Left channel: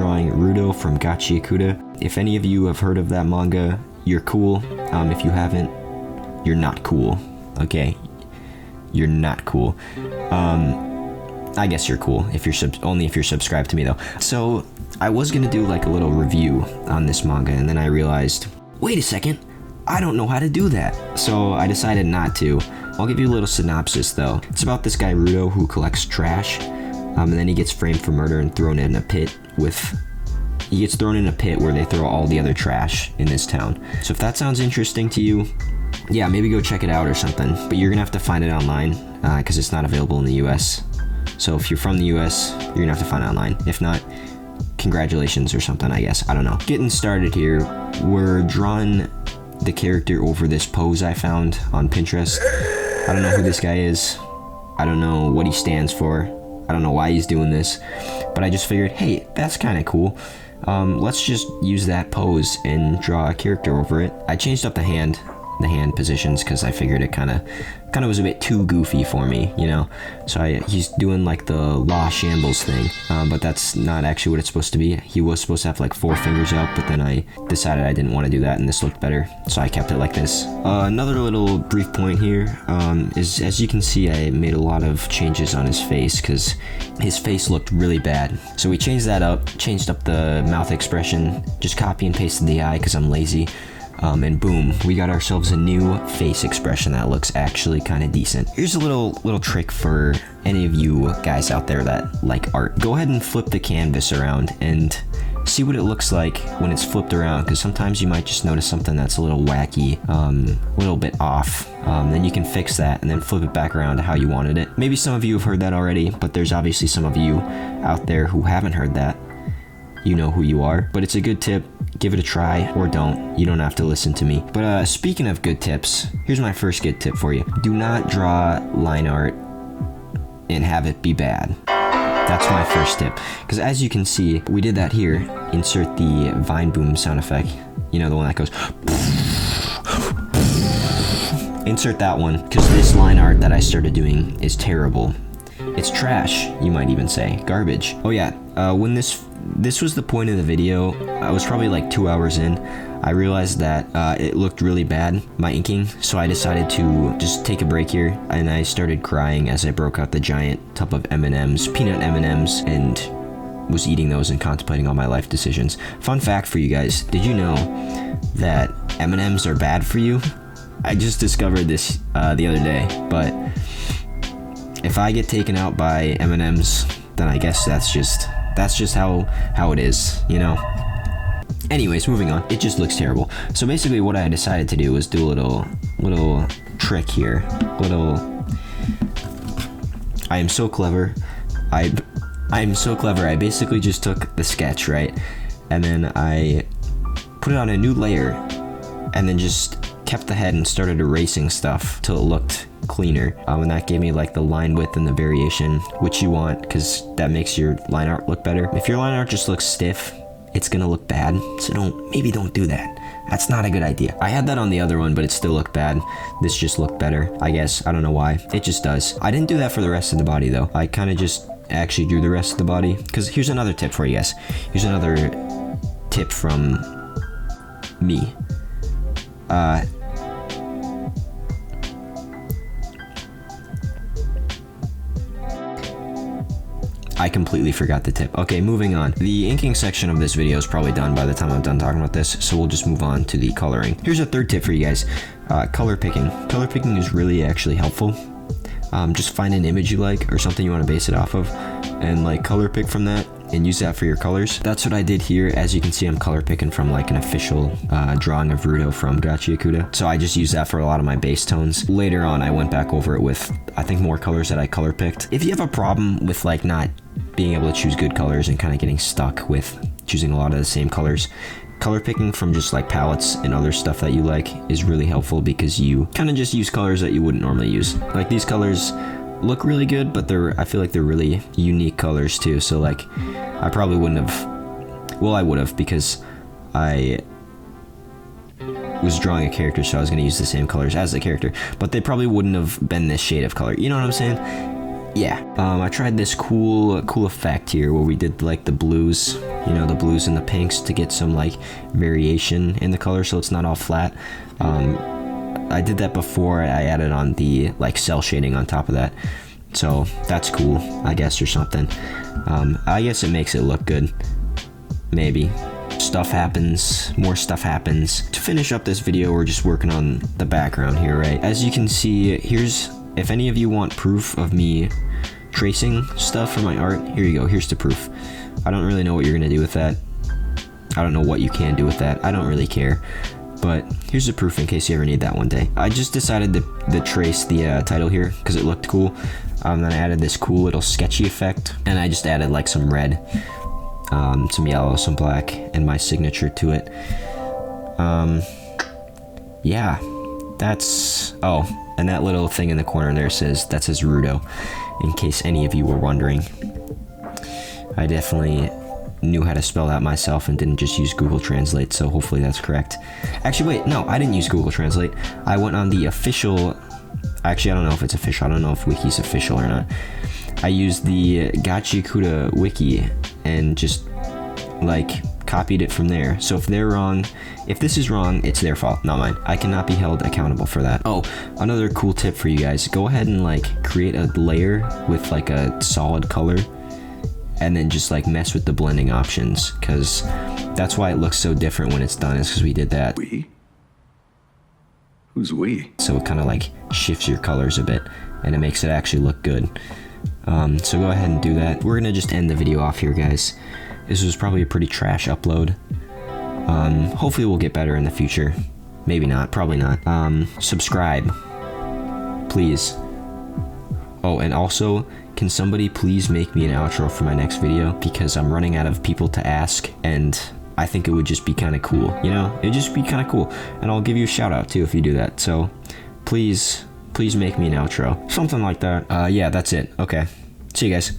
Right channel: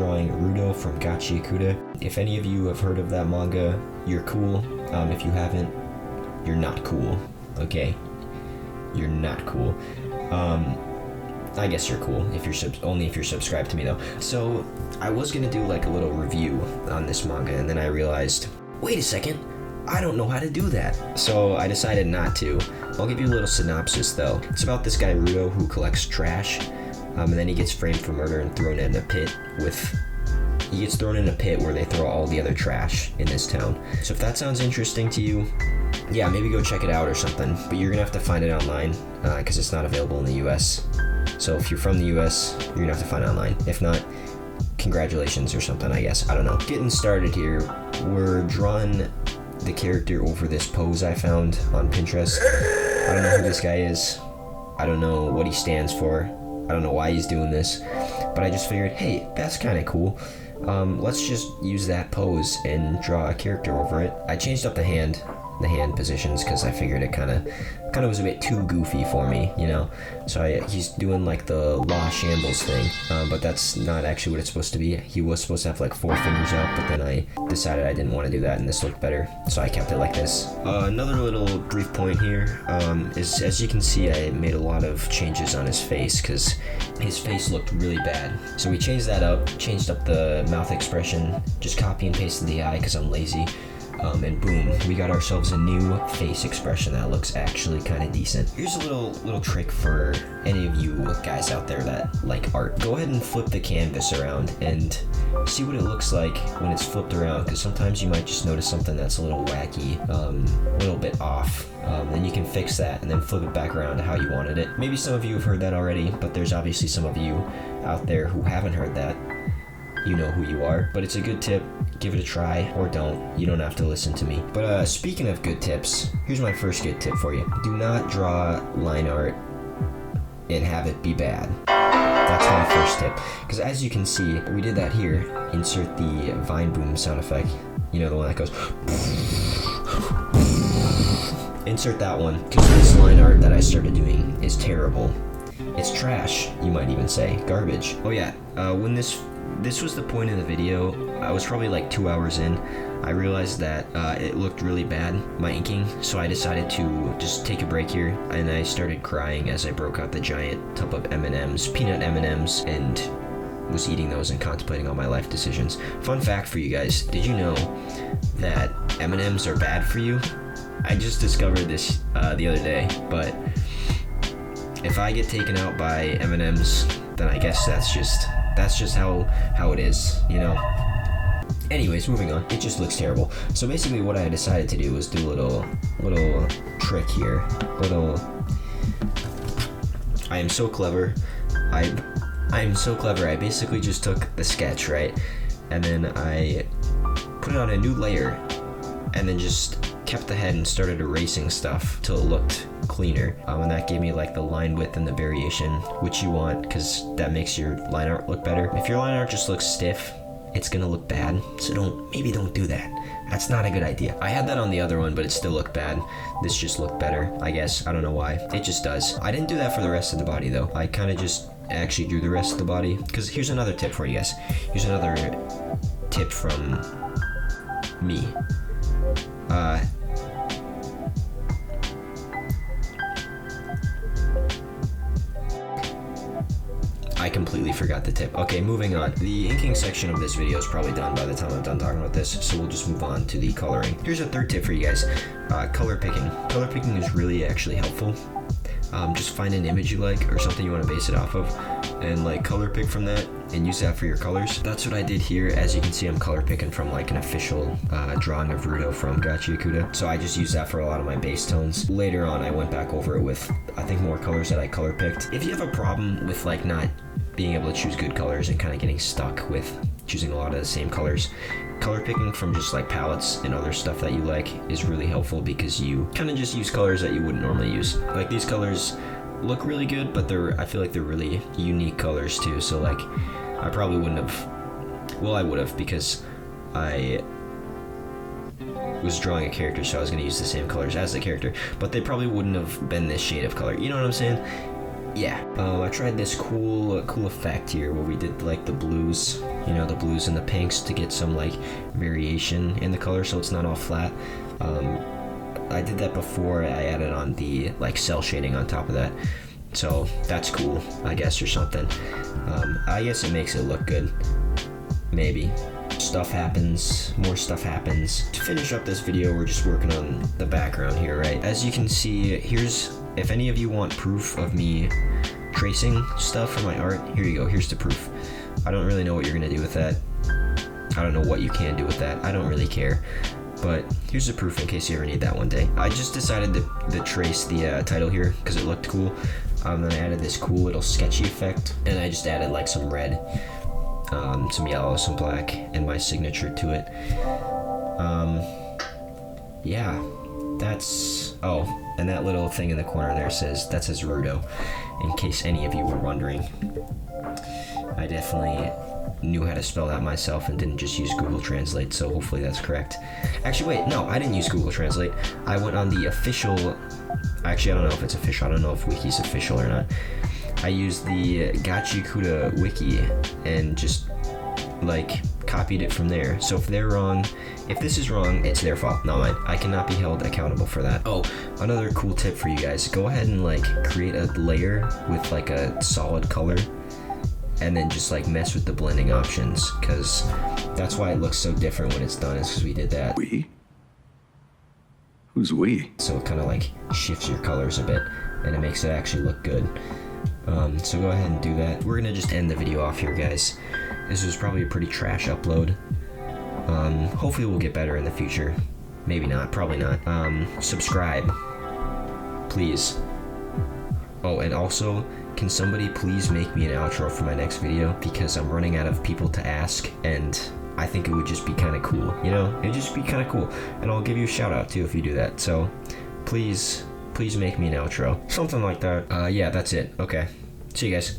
drawing Rudo from Gachiakuta. If any of you have heard of that manga, you're cool. If you haven't, you're not cool. Okay? You're not cool. I guess you're cool if you're only if you're subscribed to me though. So I was gonna do like a little review on this manga, and then I realized, wait a second, I don't know how to do that. So I decided not to. I'll give you a little synopsis though. It's about this guy Rudo who collects trash, and then he gets framed for murder and thrown in a pit he gets thrown in a pit where they throw all the other trash in this town. So if that sounds interesting to you, yeah, maybe go check it out or something. But you're gonna have to find it online because it's not available in the US. So if you're from the US, you're gonna have to find it online. If not, congratulations or something, I guess. I don't know. Getting started here, we're drawing the character over this pose I found on Pinterest. I don't know who this guy is. I don't know what he stands for. I don't know why he's doing this. But I just figured, hey, that's kind of cool. Let's just use that pose and draw a character over it. I changed up the hand positions because I figured it kind of was a bit too goofy for me, you know. So he's doing like the law shambles thing, but that's not actually what it's supposed to be. He was supposed to have like 4 fingers up, but then I decided I didn't want to do that and this looked better, so I kept it like this. Another little brief point here is, as you can see, I made a lot of changes on his face because his face looked really bad. So we changed that up, changed up the mouth expression, just copy and pasted the eye because I'm lazy. And boom, we got ourselves a new face expression that looks actually kind of decent. Here's a little trick for any of you guys out there that like art. Go ahead and flip the canvas around and see what it looks like when it's flipped around, because sometimes you might just notice something that's a little wacky, a little bit off. Then you can fix that and then flip it back around to how you wanted it. Maybe some of you have heard that already, but there's obviously some of you out there who haven't heard that. You know who you are, but it's a good tip. Give it a try, or don't. You don't have to listen to me. But speaking of good tips, here's my first good tip for you. Do not draw line art and have it be bad. That's my first tip. Because as you can see, we did that here. Insert the vine boom sound effect. You know, the one that goes. Insert that one, because this line art that I started doing is terrible. It's trash, you might even say. Garbage. Oh yeah, when this was the point of the video, I was probably like 2 hours in, I realized that it looked really bad, my inking, so I decided to just take a break here, and I started crying as I broke out the giant tub of M&Ms, peanut M&Ms, and was eating those and contemplating on my life decisions. Fun fact for you guys, did you know that M&Ms are bad for you? I just discovered this the other day, but if I get taken out by M&Ms, then I guess that's just how it is, you know. Anyways, moving on. It just looks terrible. So basically what I decided to do was do a little trick here. I am so clever. I'm so clever. I basically just took the sketch, right? And then I put it on a new layer and then just kept the head and started erasing stuff till it looked cleaner, and that gave me like the line width and the variation which you want, because that makes your line art look better. If your line art just looks stiff, it's gonna look bad, so maybe don't do that. That's not a good idea. I had that on the other one, but it still looked bad. This just looked better, I guess. I don't know why. It just does. I didn't do that for the rest of the body though. I kind of just actually drew the rest of the body, because here's another tip for you guys. Here's another tip from me. I completely forgot the tip. Okay, moving on. The inking section of this video is probably done by the time I'm done talking about this, so we'll just move on to the coloring. Here's a third tip for you guys. Color picking. Color picking is really actually helpful. Just find an image you like or something you want to base it off of, and like color pick from that and use that for your colors. That's what I did here. As you can see, I'm color picking from like an official drawing of Rudo from Gachiakuta. So I just used that for a lot of my base tones. Later on, I went back over it with, I think, more colors that I color picked. If you have a problem with like not being able to choose good colors and kind of getting stuck with choosing a lot of the same colors, color picking from just like palettes and other stuff that you like is really helpful, because you kind of just use colors that you wouldn't normally use. Like these colors look really good, but I feel like they're really unique colors too. So like I probably wouldn't have, well, I would have, because I was drawing a character, so I was going to use the same colors as the character, but they probably wouldn't have been this shade of color. You know what I'm saying? yeah, I tried this cool effect here where we did like the blues, you know, the blues and the pinks to get some like variation in the color so it's not all flat. I did that before I added on the like cell shading on top of that. So that's cool, I guess, or something. I guess it makes it look good. Maybe. Stuff happens, more stuff happens. To finish up this video, we're just working on the background here, right? As you can see, if any of you want proof of me tracing stuff for my art, here you go, here's the proof. I don't really know what you're gonna do with that. I don't know what you can do with that. I don't really care. But here's the proof in case you ever need that one day. I just decided to trace the title here because it looked cool. Then I added this cool little sketchy effect, and I just added like some red, some yellow, some black, and my signature to it. Yeah, that's, oh, and that little thing in the corner there says Rudo, in case any of you were wondering. I definitely knew how to spell that myself and didn't just use Google Translate, so hopefully that's correct. Actually, wait, no, I didn't use Google Translate. I went on the official, actually, I don't know if it's official. I don't know if Wiki's official or not. I used the Gachikuda wiki and just like copied it from there. So if they're wrong, if this is wrong, it's their fault, not mine. I cannot be held accountable for that. Oh, another cool tip for you guys. Go ahead and like create a layer with like a solid color and then just like mess with the blending options, because that's why it looks so different when it's done, is because we did that. We? Who's we? So it kind of like shifts your colors a bit and it makes it actually look good. So go ahead and do that. We're gonna just end the video off here, guys. This was probably a pretty trash upload. Hopefully we'll get better in the future. Maybe not, probably not. Subscribe, please. Oh, and also, can somebody please make me an outro for my next video? Because I'm running out of people to ask, and I think it would just be kind of cool, you know? It'd just be kind of cool. And I'll give you a shout out too if you do that. So please make me an outro. Something like that. Yeah, that's it. Okay. See you guys.